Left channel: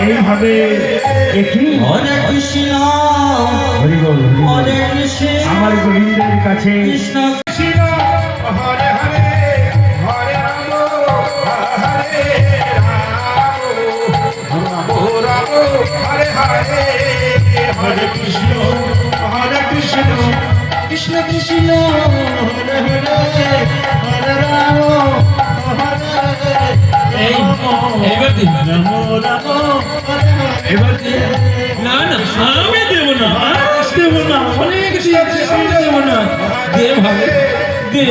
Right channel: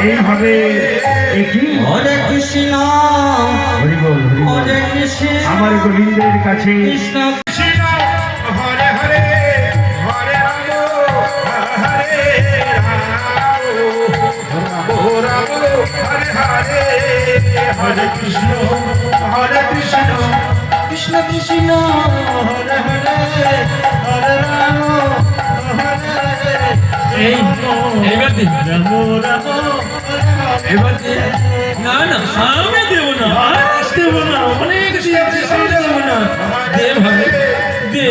এইভাবে একই হরে কৃষ্ণ হরিবল হরিবল হরে কৃষ্ণ। আমার গোবিন্দের কাছে। কৃষ্ণ কৃষ্ণ। হরে হরে হরে হরে হরে হরে হরে কৃষ্ণ হরে কৃষ্ণ। কৃষ্ণ কৃষ্ণ। হরে হরে হরে রাম। হরে এই এবার দিন। এবার দিন। না না আমি দেব না। দেব না, অনেক দিয়েছি আমি দেব না। দে ভাই, দে।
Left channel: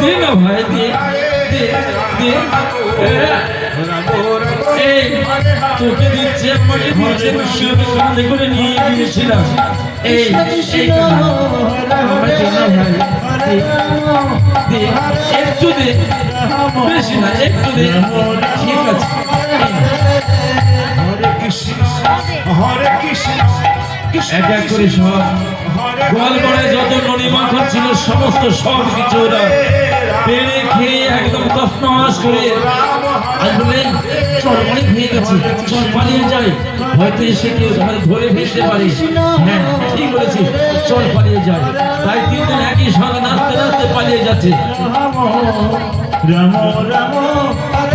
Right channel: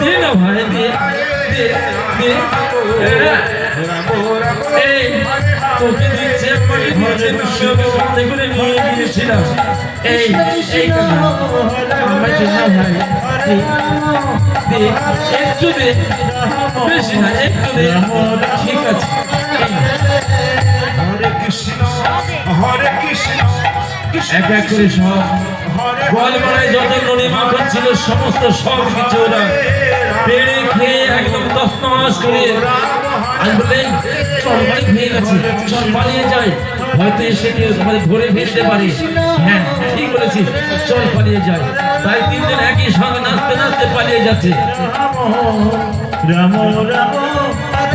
দে না ভাই, দে। দে দে। এই, তোকে দিচ্ছে আমাকে দিচ্ছে তোকে সাথে করে নিয়ে গিয়েছিলাম এই এই আমার দে ভাই। দে, একটু দে। এক এক যত নড়ি মাখন ছিল সমস্ত সব কিছু ওরা করে আজ চল অনেক হয়ে চল পালিয়ে যাই হয়তো এসে কেউ ঘরে ধরে ফেলতে পারে হ্যাঁ ঠিক বলেছিস চল পালিয়ে যাই তাই তিনজন একই সঙ্গে নাচতে নাচতে পালিয়ে যাচ্ছে। রাম রাম